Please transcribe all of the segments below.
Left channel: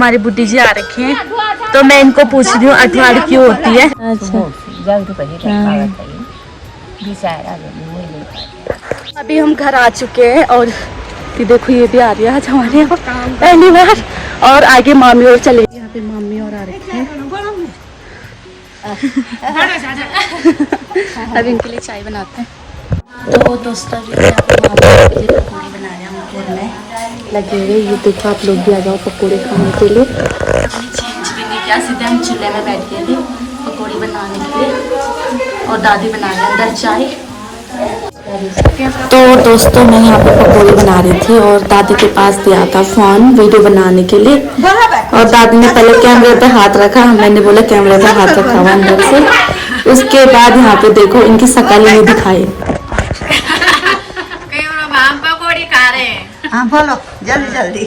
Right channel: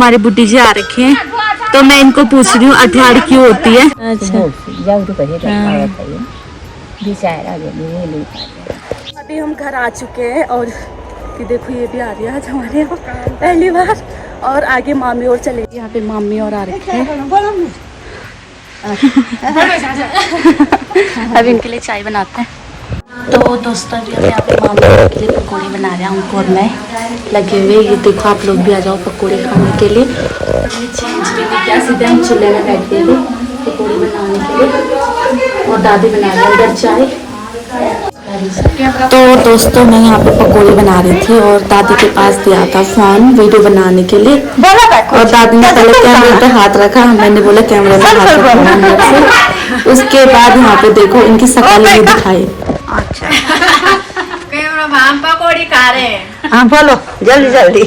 हमारी बुड्ढी जी आ रखी है तो मैं इनको पूछ रही हूँ अठवाड़ क्यों होती है। अभी हम घर आ चुके हैं और ये देखो ये भी आ रही है आज हमारे यहाँ पहली बार। और आगे मामी और चले यहाँ पे मामी और आ रही है। अभी इनके लिए चाय बनाते हैं। तो दोस्तों यहाँ पे मामी के लिए पकौड़े बना रहे हैं उनको और मैं लगे हुए। ये देखो आप लोग भी आ जाओ पकौड़े खाने के लिए। हमने चेंज भी नहीं किया, सीधे हम चूल्हे में बैठ गए थे पकौड़े बनाने के लिए और दादी बना रही है अंदर चाय। तो दोस्तों मैं यहाँ पे पकौड़ी बना रही थी और दादी के पास दिया था फोन वीडियो बनाने के लिए और दादी ने पहले कैमरे पे हाथ रखा, मैंने बोला कैमरे पे हाथ रखा हुआ अंदर से। उसके बाद यहाँ पे देखो इनकी शकल नहीं दिखाई। हम पकौड़ी खा रहे हैं। हाँ बोलो जल्दी जल्दी।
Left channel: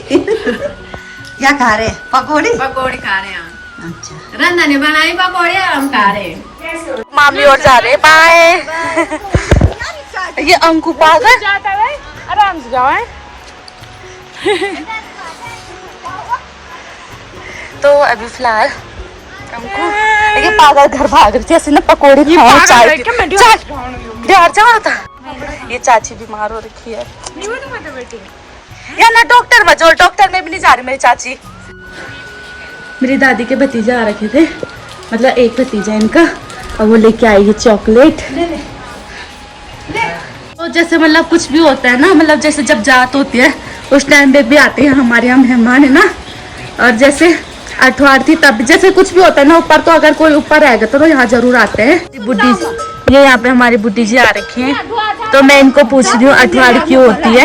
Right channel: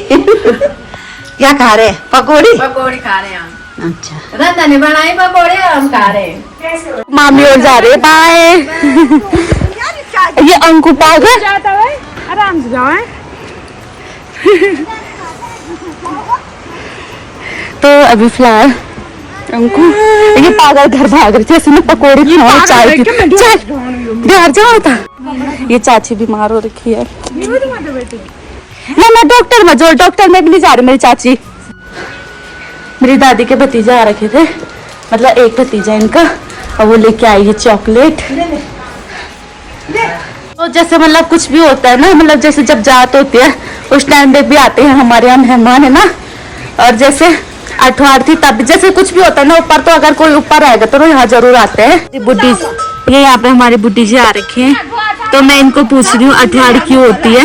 क्या खा रहे हैं? पकौड़ी पकौड़ी खा रहे हैं। अच्छा रंधा ने बनाई पकौड़ी हम खा रहे हैं। मामी और जा रहे बाय। ये अंकु पागल जाता है आराम से जाओ। तो अभी फिलहाल अंकु ये पागल घर भाग रही थी, ऐसे पकौड़ी खाओ चाय पी चाय घर जाओ था। ये चाची बीमार हो रखी है या मैं डॉक्टर में जो डॉक्टर में भी नहीं जा रही मेरी चाची। मेरी दादी के भतीजे आ रखे थे, मतलब एक भतीजा इनका, और वो लेके आई है चॉकलेट। तो जैसे मतलब कुछ भी होता है ना, मतलब जैसे जब जात होती है उस टाइम पे भी आते हैं हमारे यहाँ मेहमान है ना। और जैसे अठवाड़ थी तब जैसे कुछ भी होता है ना ऊपर, तो अगर कोई ऊपर रहेगा तो यहाँ जरूर आते हैं। बुड्ढी ये यहाँ पे हमारी बुड्ढी जी आ रखी है तो मैं इनको पूछ रही हूँ अठवाड़ क्यों होती है।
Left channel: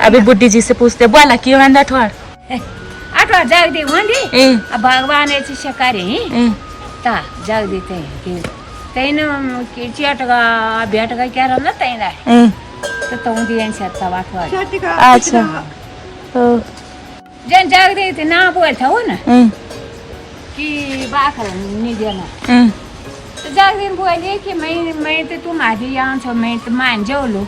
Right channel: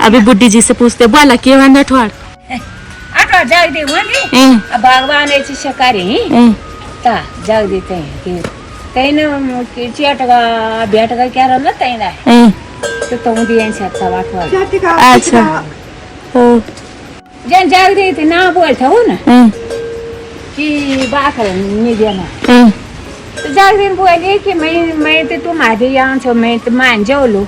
अभी बुड्ढी जी से पूछते बोला क्यों है अठवाड़। अठवाड़ जागदी होंगी भगवान ऐसी शकारी ता जागदी कहीं तैन की चटगा भेटगा क्या रहा तैना तो तुम दिए सकता अठवाड़। अच्छा तो जन जागदी थे ना बोलता हो ना कि बाखर नहीं देना तो जागदी बोली कि मैं तो तुम्हारे यहाँ छो मैं तो मान जाओ लो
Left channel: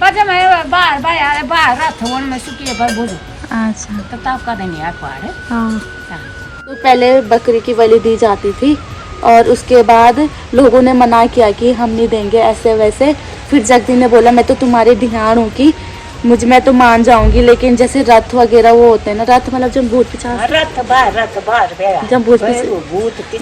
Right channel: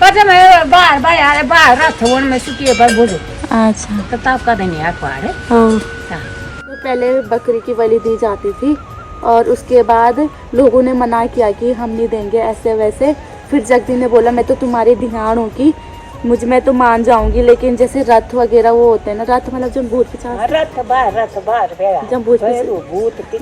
पर मैं बाहर बाहर रथ में सुखिए पर बुझो। अच्छा तो तब कद नहीं अखबार है। तो पहले बकरी की बलि दी जाती थी और उसके बाद लोगों ने मना किया कि हम नहीं देंगे ऐसे वैसे। फिर जगदी ने बोला मैं तो तुम्हारी ढियान हूँ कि मुझ में तो मान जाऊंगी, लेकिन जैसे रथ वगैरह वो होते हैं ना, रथ मतलब जब भूत पिचास जब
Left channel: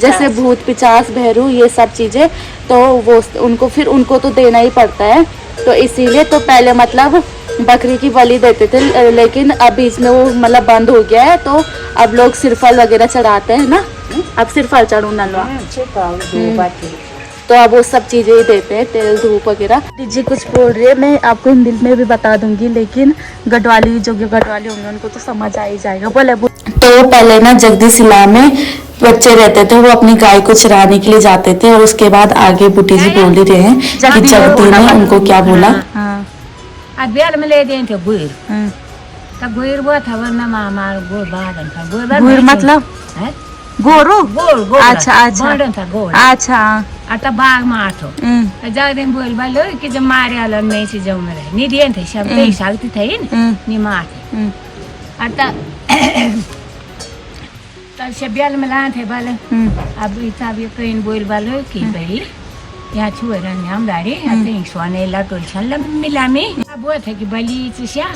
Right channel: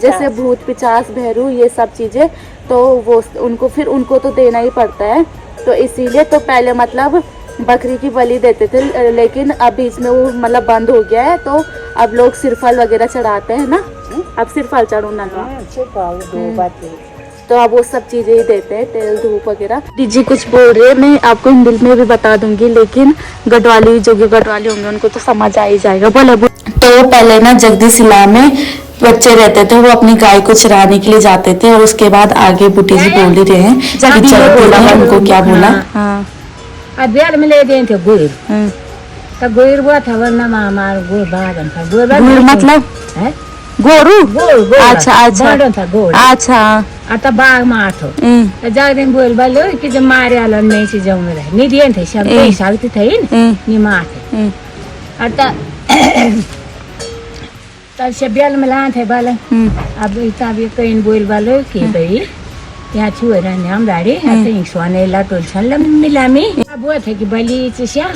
जैसे भूत पिचास भैरू ये सब चीजें, तो वो उनको फिर उनको तो देना ही पड़ता है। तो इसीलिए तो पहले मतलब बकरी की बलि देते थे, लेकिन अब बीच में वो मतलब बंद हो गया है। तो अब लोग सिरफल वगैरह चढ़ाते हैं ना, अब सिरफल चढ़ू नलवा तो अब वो सब चीजें ही देते हैं, तेल धूप वगैरह। दीदी कुछ बोल रहे हैं, मैं आपको हिंदी में भी बता दूंगी, लेकिन गढ़वाली जो गढ़वाली होंगे उनको तो समझ आ ही जाएगा। बोले तो पहले ना जगदी सिला में बच्चे रहते थे, वो अपनी गाय को चराने के लिए जाते थे और उसके बाद आगे बुटी जी बोल ही रहे हैं कि जगदी ने उनको क्या बोला। बेल में ले दिए थे गुड़ तो गुड़ वो था वरना मामा गुड़ बागन था गुड़ मतलब गोरू। अच्छा अच्छा अच्छा आता बाग माठो जागदेन बोल बालो कि जब मारे आलो नहीं से जाऊं मेरा नहीं दिए थे सब नहीं सकती थे नहीं मारते आता तब से बेल में लान थे बाले। अब इतना भी कहीं बोल बालो कि भाई यहाँ छुए रहने हम दाड़ी ऐसे सोने लटोल छल मिलामी अब वो थे कि बलि चिया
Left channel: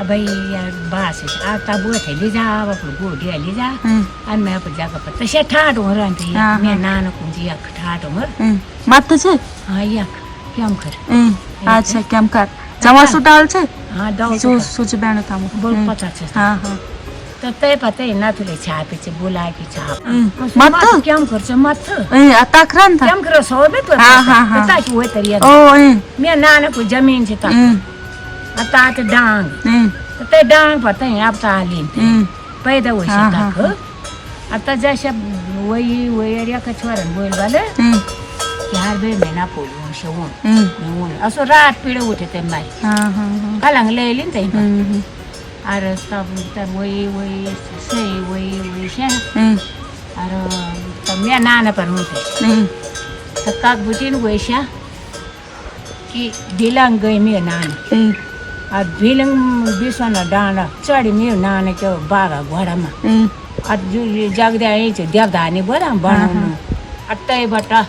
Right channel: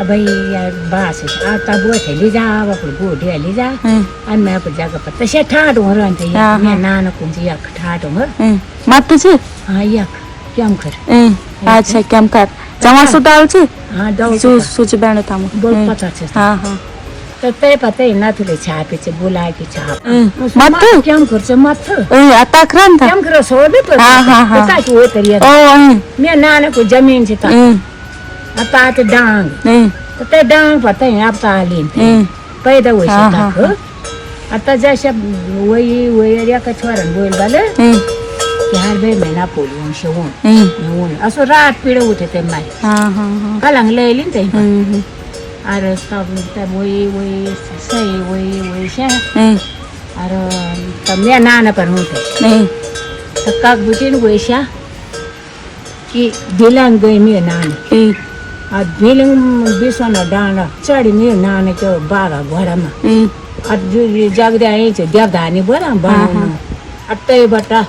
अब भाई यार बास आता वो थे ले जा अपने बूढ़े ले जा और मैं अपने जगह पर तसे ठाट हो रहे थे मैं नाना कुंजी एक ठाट हो मत तुझे हाँ एक क्यों कर अच्छा क्या कर जमा सु डाल छे हाँ डाल सूच बैठ था बोल पता छे हाँ हाँ तो ते पता ही ना तुले छापे छे बुला के छाप मत क्या कर छे मत तकरान था क्या करो सो दे तो हाँ हाँ हाँ का हुए तरिया ओ मैं नाना को जमीन से ता आता तो डांग तो ते डांग पता है आप तालीन पैदा हुए से तक आता जैसे वही या कछवारन बोल बाले कि हर बे महीना पोलियो शोन नून असो रात पीड़े उठे ते माई हाँ हाँ कलंग ले लिन ते अरे तब वही सही वही से अरे तब मैं नाना पर हूँ थे तो काक बुटीन वैसा कि दिलंग गई मैं नानी आ दिलंग बिसना डाना चढ़ी मैं नाना के बागा घोड़ा में जगद्या यायचं देवदानी बरं बनवून आता बटा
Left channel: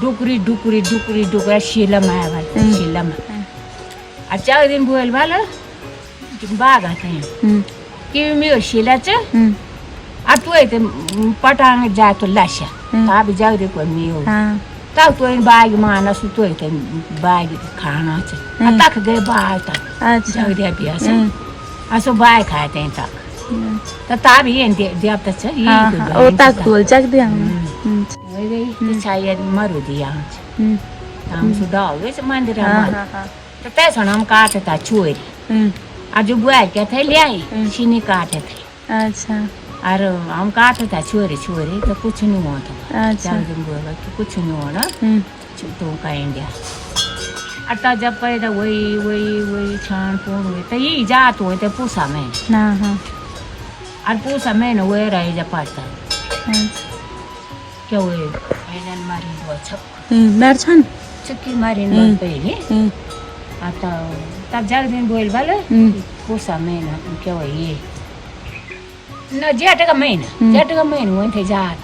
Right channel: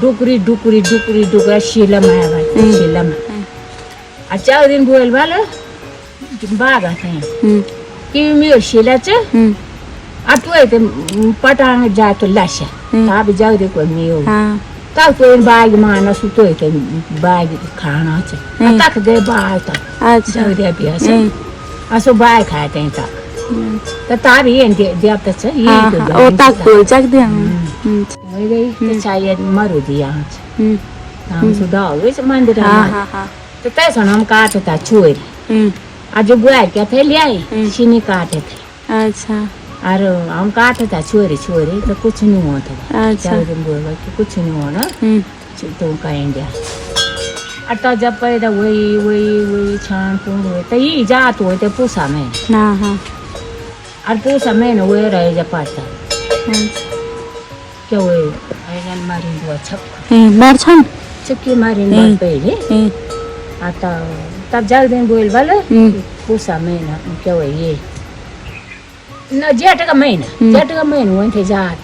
डुकरी डुकरी डुकरी डुकऱ्या शिला माया बाई शिला माया चार दिन बोल भालं बागा कि मी शिलाचं आठवू येते पटांग जातो लाशा आबी जाऊ दे पण मी टाकतोय बाग माना सुतोय ते बाग खाण्याचं टाक दे बाय जाऊ द्या बी असं बाय खाय त्यांचा तर ताबी येईन देवताचं येईन मारू दे आमचं डावच मंदिर तर त्याचं नाम काटता चोरी आज बुआर क्या थे लियाई चीनी काटे थे अच्छा अरे हम काटे था चोरी चोरी तो कुछ नहीं हुआ था चार दिन बोला कि कुछ नहीं हुआ ना तो कहेंगे अट्टा जब पैदा वही वही वही छान पूर्ण हुए तो ये जात हुए थे पूसा में और पूसा में ना वही रहे जब पाता क्या हुए ऐसा मारी हुआ छप बार छान चक्की मारी बात पहले आता तब जाग दिन बोल वाले पूसा में ना क्या हुआ ये न जेठ का महीना हुए थे जात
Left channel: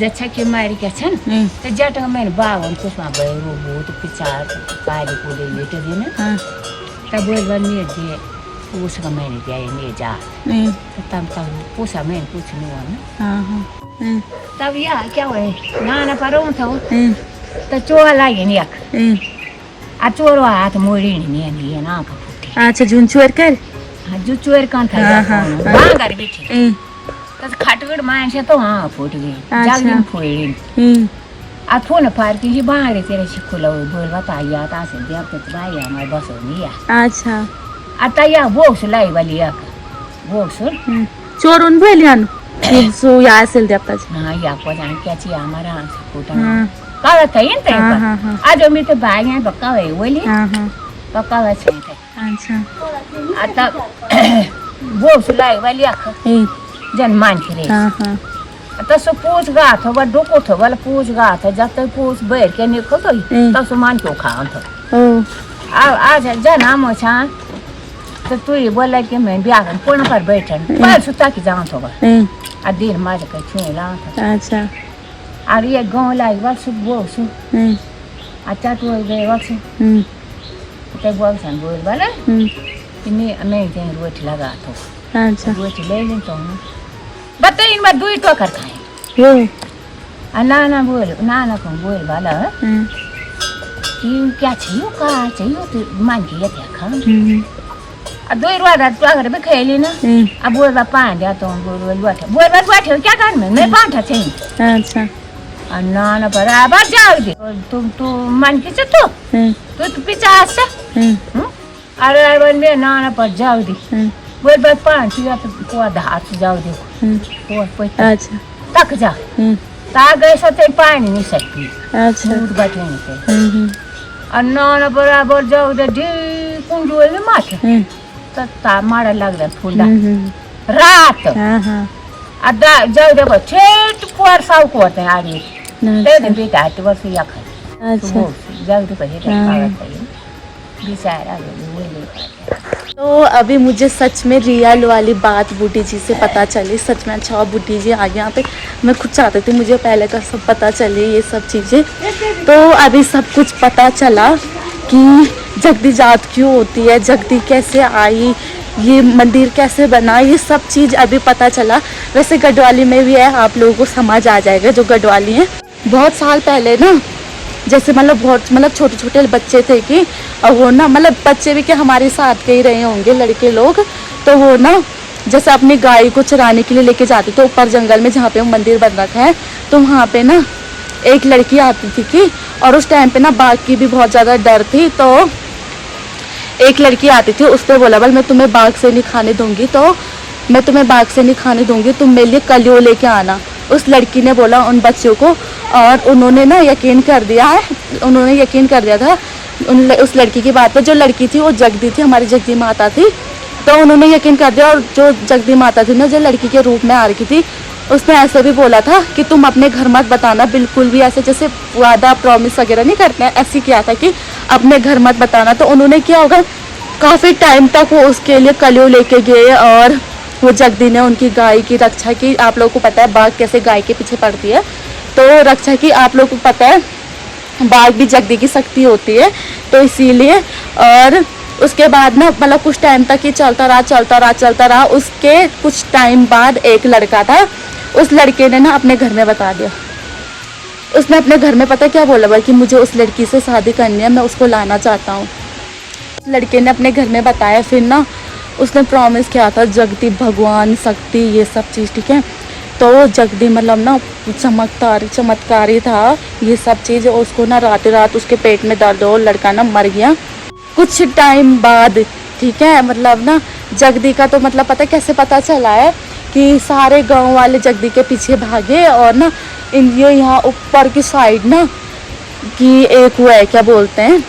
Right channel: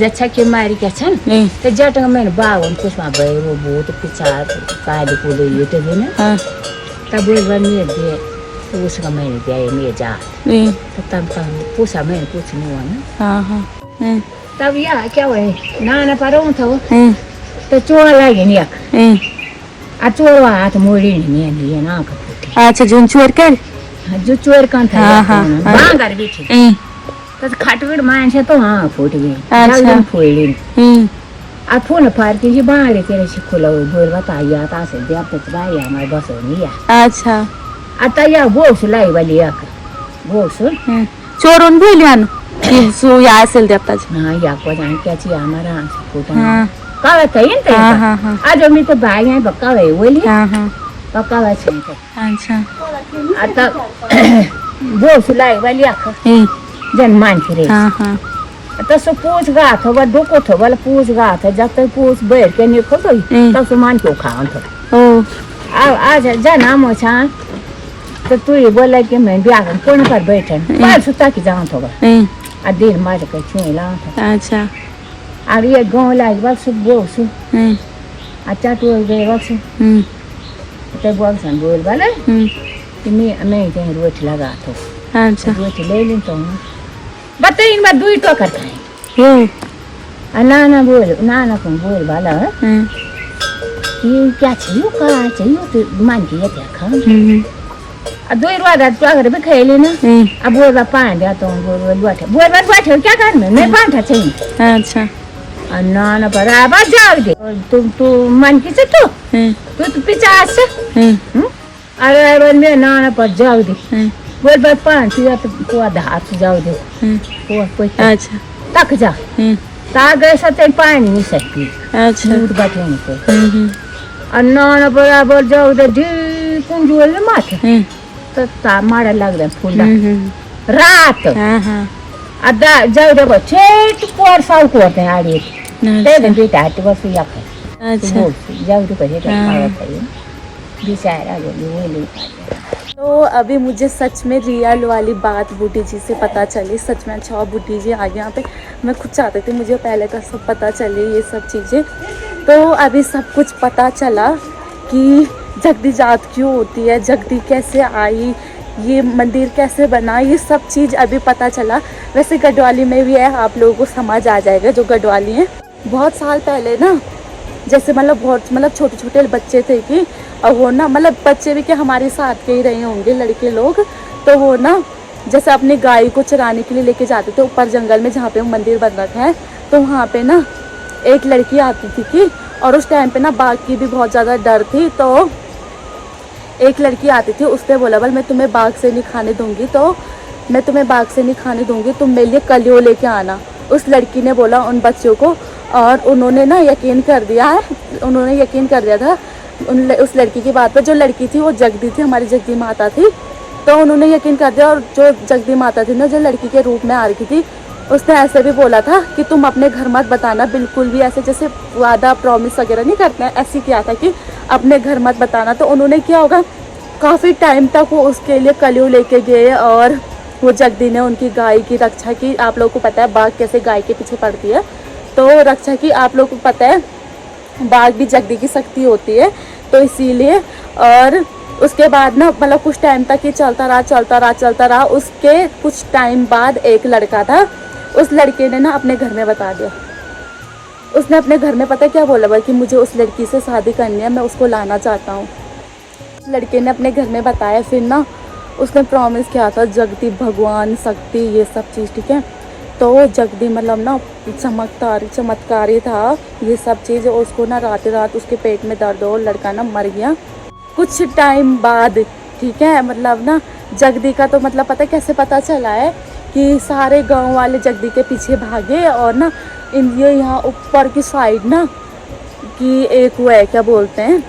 जच्छा के मारी क्या छन तो जेठ का महीना बावन कुछ वहाँ बैरो बोट पिचार काली को ले ये थे ना तब बोल वाले मेरे दे पूस का महीने दिया ये मेरे जात तब पूसा महीने कुछ नहीं हुआ ना तब यार क्या हुआ ना परों था वो तो चोर लागे नहीं आ चोर हाथ मोड़ी नहीं ये ना कपूटी अच्छा जोन चोर कर जो चोर कान था बांगर बैठे तो खटगड़ मानसे तो हाँ फूट गई जागरण फोड़ी आ फोन फाड़ के ये बाहर तेरे से खुला हुई बोल बता या ता से देव तक भाई हमारे बस हो गया अच्छा आता या बोक्स लाई वाली एक बोक्स चोरून भी लियान सो या असेल देवताच हाँ या को जान क्या ची हमारा फूटा कावा तयन ते आज मी तो भाई है बक्का वे बोली बक्का वे छे अच्छा आता बोक्स लाई वाली एक जन मान के रे आता सो पूछ गा था वो डोको था वाला पूछ गा था जब तक पूछ बैठ के नहीं खो तब तो मान के खान था आज जना मोछा तो तू ये बोला कि मैं ब्याह कोण पर बैठन पर सुता की जान था आ दिन मार के छुए ला था अच्छा और ये गांव लाइक बस बोक्स अच्छा तो गए बस तो बोक्स बोल वाला मैं कहीं रोट लगा था अच्छा रोट ले लें तो बताइए मैं दूर तो करता है नाना कौन बोल वाला ये क्या चाहिए का चाहिए तो मान के ये देखा दूर वाला तो अगर भी खेले ना अब बोल बा पान दिया तो बोल बैठे क्या कर मैं पान था चाहिए अच्छा नाना पर अब जाओ दे तू मान के तो पीछे आ से अरे बन में नाना पर जाओ दे बोल बात पान थी तो को हाथ जाओ दे को अच्छा तक जा ता गए सते पानी नहीं सकती अच्छा मूड बैठे नहीं और नाना बराबर जाओ दे डी कुंजूल में माथे तो ता मारा लग रहा फुंडा रात अदा जाओ दे बच्चे पर साउ को होते आड़ी ते दिन भी ता तो बस या खा अच्छा जाओ दे पहले कागज चाहिए बेचारा ये तो अभी मुझे सच में रियल वाली बात बूटी जी से पता चली। सच में अच्छा बूटी जी आ गए यहाँ पे। मैं खुद चाहती थी मुझे पहले का सब पता चले ये सब चीज़ें, तो अभी सब कुछ पता चला कि जगदी जात क्यों होती है, जगदी कैसे आई, ये मंदिर कैसे बना, ये सब चीज़ अभी पता चला। वैसे गढ़वाली में भी है, आप लोगों को समझ आ जाएगा जो गढ़वाली हैं। बहुत साल पहले ना, जैसे मतलब छोटे छोटे बच्चे थे कि वो ना मतलब बच्चे भी क्या हमारे साथ के ही रहे होंगे लड़के लोग, तो वो ना जैसे अपनी गाय को चराने के लिए लेके जाते थे ऊपर जंगल में जहाँ पे वो मंदिर बन रखा है, तो वहाँ पे ना एक लड़की आती थी कि, और उस टाइम पे ना बाघ की भी बहुत ज़्यादा डर थी, तो एक लड़की आती थी, उसने बोला बोल मैं तुम्हें बाघ से नहीं खाने दूंगी, तो मैं तुम्हें बाघ से नहीं खाने दूंगी, तुम मेरे लिए कलियो लेके आना। उस लड़की ने बोला उन बच्चों को, और उन्होंने ना यकीन कर दिया है, उन्होंने यकीन कर दिया था उस लड़की की बात पर। जो लड़की थी वो जगदी थी, हमारी जगदी माता थी, तो उन्होंने यकीन कर दिया। और जो जगदी माता थी ना, जो लड़की के रूप में आ रखी थी, उसने ऐसे भी बोला था कि तुम अपने घर मत बताना बिल्कुल भी, ऐसे जैसे वादा प्रॉमिस वगैरह नहीं करते हैं, ऐसे किया था कि अपने घर मत बताना। तो उन्होंने क्या होगा, काफ़ी टाइम तक वो उसके लिए कलियो लेके गए और वो जगदी ने उनकी गाय की रक्षा की। आप लोगों को पता है बाघ कैसे गाय के पीछे पड़ती है, तो रक्षा की। आप लोगों को पता है बाघ भी जगदी की शक्ति होती है, तो इसीलिए। और उसके बाद ना मतलब कुछ टाइम तक ये चलता रहा। उसके कुछ टाइम बाद एक लड़का था, उस लड़के ने ना अपने घर में बता दिया। उसने अपने घर में पता क्या बोला भाई कि मुझे उस लड़की से शादी करनी है, मैं उसको लाना चाहता हूँ। लड़के ने अपने घर में बताया। फिर ना उसने प्रॉमिस किया था जगदी, भगवान, शक्ति, ये सब चीज़, ठीक है। तो जगदी मतलब ना चमत्कारी था ये सब चीज़। उसको ना रात रात उसके पेट में दर्द हो, लड़का ना मर गया कुछ टाइम बाद, ठीक है। मतलब ना जगदी का तो मतलब पता कैसे पता चला है कि सारे गांव वाले जगदी के पीछे भागे। और ना ये यहाँ ऊपर की साइड ना कि एक वो है, क्या बोलते हैं,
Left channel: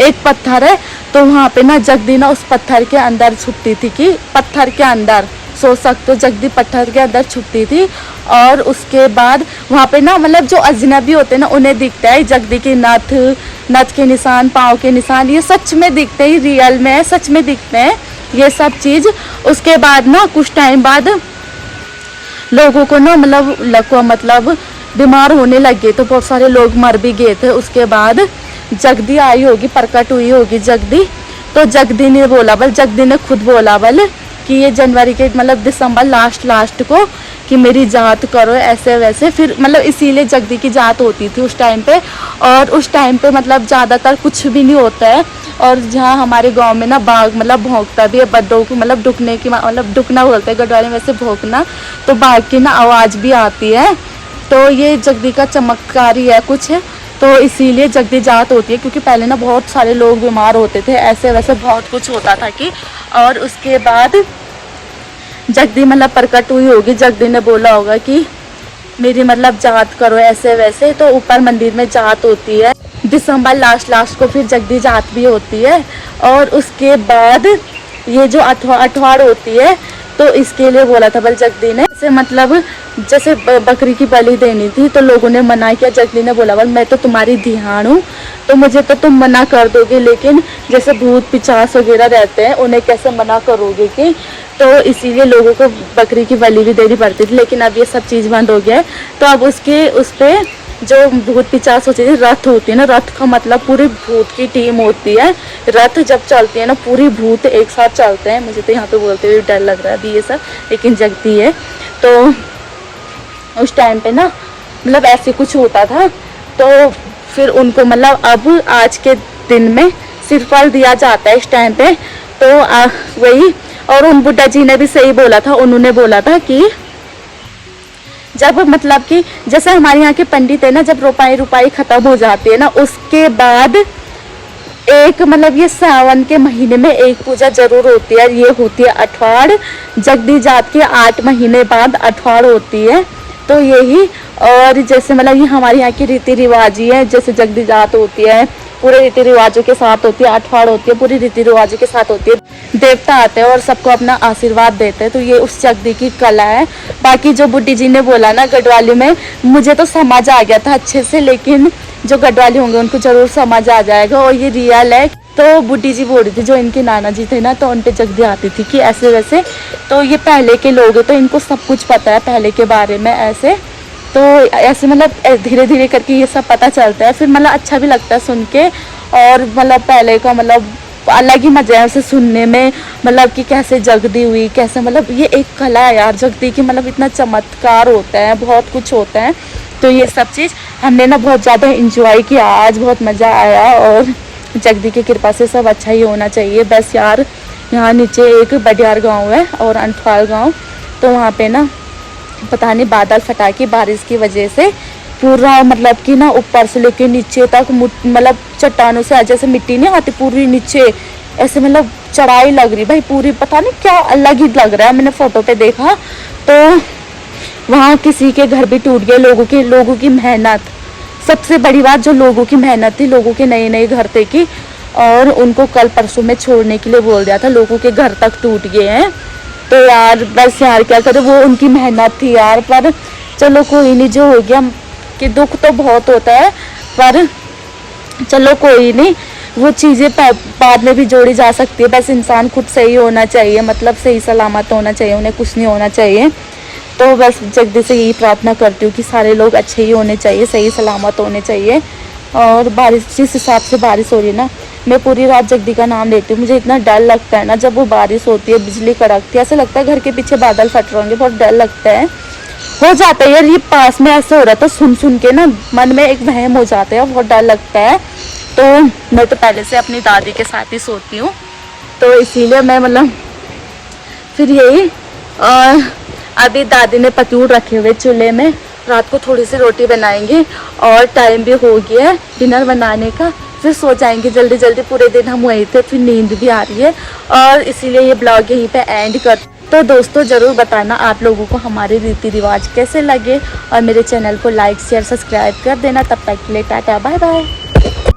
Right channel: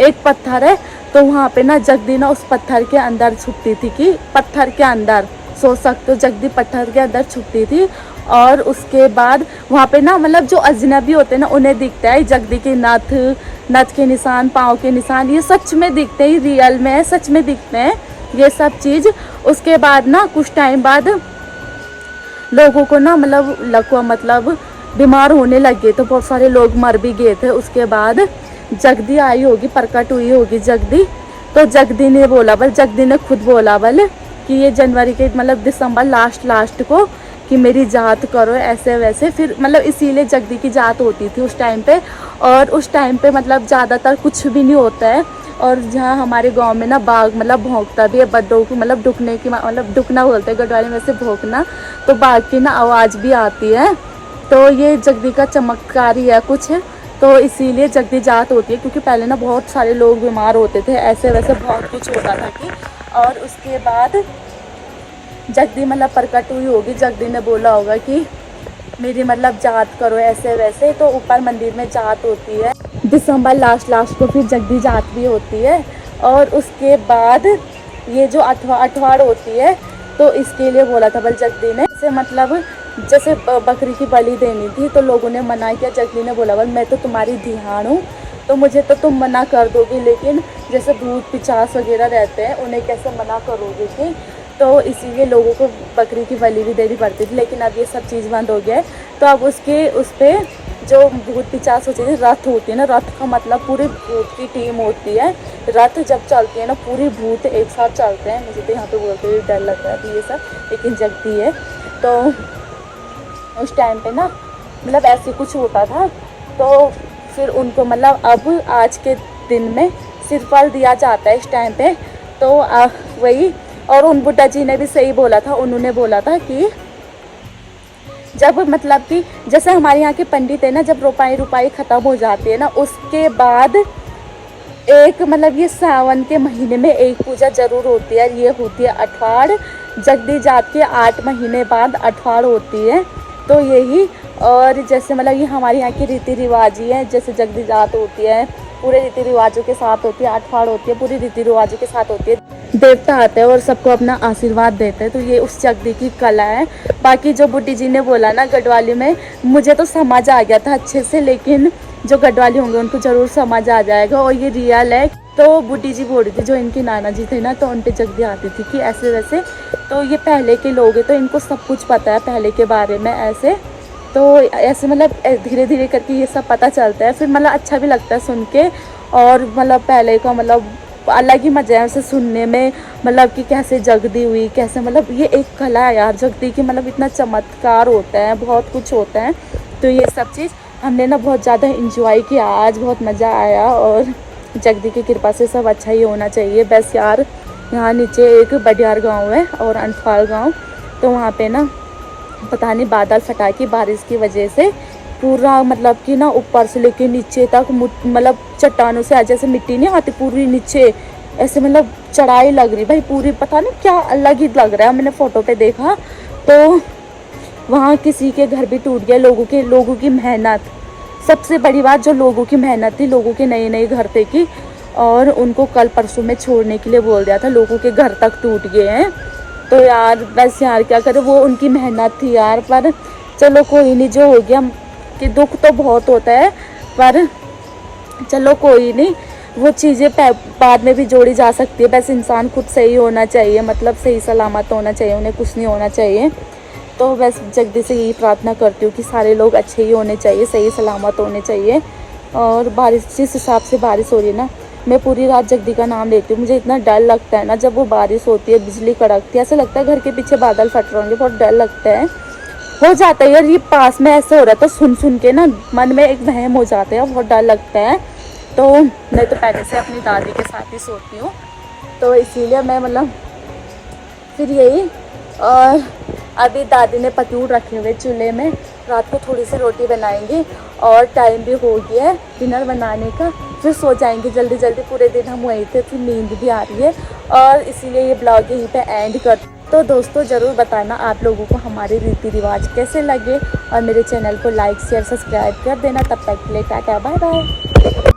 एक पत्थर है, तो वहाँ पे ना जगदी ना उस पत्थर के अंदर छुपती थी। कि पत्थर के अंदर सोच सकते हो, जगदी पत्थर के अंदर छुपती थी। और उसके बाद वहाँ पे ना मतलब जो अजनबी होते हैं ना उन्हें दिखता है जगदी के नथ के निशान, पाँव के निशान, ये सच में दिखते हैं, रियल में सच में दिखते हैं ये सब चीज़। उसके बाद ना कुछ टाइम बाद लोगों को ना मतलब बीमार होने लगे, तो बहुत सारे लोग मर भी गए थे। उसके बाद जगदी आई होगी, प्रकट हुई होगी जगदी। तो जगदी ने खुद बोला कि ये जनवरी के मतलब दिसंबर लास्ट को कि मेरी जात करो ऐसे वैसे। फिर मतलब इसीलिए जगदी की जात होती थी उस टाइम पे। और उस टाइम पे मतलब ज़्यादातर कुछ भी नहीं होता है। और जहाँ हमारे गांव में ना बाघ मतलब भौंकता भी है, बद्दों को मतलब डुकने की मतलब डुकना बोलते हैं गढ़वाली में, से भौंकना, तो बाघ की ना आवाज़ भी आती है। तो ये जगदी का चमत्कार ही है कुछ है, तो इसीलिए जगदी जात होती है। क्योंकि पहले ना बहुत सारे लोग बीमार होते थे, ऐसे वैसे बहुत कुछ होता था कि। और उसके बाद जगदी मतलब प्रकट हुई होगी, जगदी ने बोला होगा कि मेरी मतलब जात करो ऐसे वैसे। तो ऊपर मंदिर में जात होती है दिसंबर लास्ट को, फिर जगदी जात भी होती है। और उसके बाद ये जो अठवाड़ होती है, तो इसके लिए बोला था जगदी ने, जैसे बकरी की बलि देनी थी, तो लोगों ने मना किया। जगदी ने बोला मैं तो तुम्हारी ध्यान हूँ, तो मुझे तो तुम मना कर दोगे, लेकिन जैसे भूत पिचास वगैरह रहते हैं उन्हें कैसे मना करोगे कि। तो इसीलिए लोगों को बकरी की बलि भी देनी पड़ती थी। लेकिन अब ये सब चीज़ बंद हो गया है। तो अब उस पर जो भूत पिचास होती है, रथ होती है ना, रथ का मतलब पूरी भूत की टीम होती है। रथ जब चलती है ना, पूरी भूत एक साथ चलते हैं। मुझे तो यहाँ पे बोलते हुए डर लग रहा है अभी ये सब, लेकिन जगती है। तो उस टाइम पे ना मतलब ऐसे कुछ होता था। तो फिर उनको मतलब अब आज के दिन में सिरफल दिया जाता है इस टाइम पे। तो वही। और उन बुड्ढा जी ने भी सही बोला था, उन्होंने बोला था कि जब मतलब कि जैसे हमारे यहाँ के पंडित है ना, जब रुपाई ख़त्म हो जाती है ना, उसके बाद एक मतलब ये सावन के महीने में एक पूजा जरूर होती है। ये होती है अठवाड़। जगदी जात के 8 महीने बाद अठवाड़ होती है। तो यही। और जैसे मतलब ये हमारे यहाँ की रीति रिवाज ही है, जैसे जगदी जात होती है पूरे रीति रिवाजों के साथ होती है, अठवाड़ होती है पूरी रीति रिवाजों के साथ होती है। देवता आते हैं और सबको अपना आशीर्वाद देते हैं। तो ये उस जगदी की कला है। बाकी जो बुड्ढी जी ने बोला ना गढ़वाली में, मुझे तो समझ आ गया था अच्छे से, लेकिन जो गढ़वाली होंगे उनको जरूर समझ आ जाएगा। और ये रियल है। तो बुड्ढी जी बोल रही थी, जो इनके नाना जी थे ना, तो उन पे जगदी आती थी कि ऐसे वैसे। तो ये पहले के लोग हैं, तो इनको सब कुछ पता है पहले के बारे में ऐसे। तो ऐसे मतलब धीरे धीरे करके ये सब पता चलता है। फिर मतलब अच्छा भी लगता है सुन के। और मतलब पहले का मतलब अलग ही मजा है उसे सुनने में, मतलब कि कैसे जगदी हुई, कैसे मतलब ये एक कला है यार जगदी की। मतलब इतना चमत्कार होता है, बहुत कुछ होता है। तो ये सब चीज़ हमने ना बहुत ज़्यादा इंजॉय किया आज, बहुत मज़ा आया। और जगदी की कृपा से सब अच्छा ही होना चाहिए। बस यार यहाँ नीचे एक बडियार गांव है और अनफाल गांव, तो वहाँ पे ना पता नहीं बादल फटा की बारिश की वजह से पूरा मतलब कि ना ऊपर से लेके नीचे तक मतलब चट्टानों से जैसे मिट्टी नहीं आती पूरी नीचे, ऐसे मतलब चढ़ाई लग रही भाई पूरी, पता नहीं क्या अलग ही लग रहा है। मैंने फ़ोटो पे देखा तो वहाँ किसी के घर भी टूट गए। लोगों की मेहनत, सबसे बड़ी बात जो लोगों की मेहनत थी, लोगों के नए घर थे कि, और उनको कल परसों में छोड़ने के लिए बोल दिया था, लोगों के घर तक टूट गए हैं। तो यार बस यार क्या करें, वो उनकी मेहनत थी यार। पर चलो कोई नहीं, जो हो गया कि दुख तो बहुत होता है, पर चलो कोई नहीं। वो चीज़ें बाद में भी जोड़ी जा सकती है। बस इंसान खुद सही होना चाहिए, मतलब सही सलामत होना चाहिए, उन्हें कुछ नहीं होना चाहिए। तो बस जगदी से यही प्रार्थना करती हूँ कि सारे लोग अच्छे ही होने चाहिए, सही सलामत होने चाहिए। और बारिश, जिस हिसाब से बारिश हो रही है ना, मैं पूरी रात जगदी का नाम लेती हूँ। मुझे इतना डर लगता है ना जब वो बारिश होती है, बिजली कड़कती है, ऐसा लगता है घर के पीछे बादल फट रहे होंगे, बहुत डर लगता है। हो जाता है यार, ये पास में ऐसे हो रहा था, सुन के ना मन में एक वहम हो जाता है, बहुत डर लगता है। तो मैं तो पहले से अपनी दादी के साथ ही सोती हूँ, तो इसीलिए मैं मतलब फिर यही। और अभी दादी ने पतूर रखे हुए चूल्हे में, रात को थोड़ी सी रोटी बनाएंगे और टाइम भी हो गया है डिनर बनाने का, फिर सो जाएंगे जल्दी जल्दी। पूरे दिन हम वहीं थे, फिर नींद भी आ रही है, और इसीलिए ये ब्लॉग यहीं पे एंड कर। तो दोस्तों ज़रूर बताना आप लोगों को हमारे रीति रिवाज कैसे लगे, और मेरे चैनल को लाइक शेयर सब्सक्राइब कर देना। तब तक के लिए टाटा बाय बाय।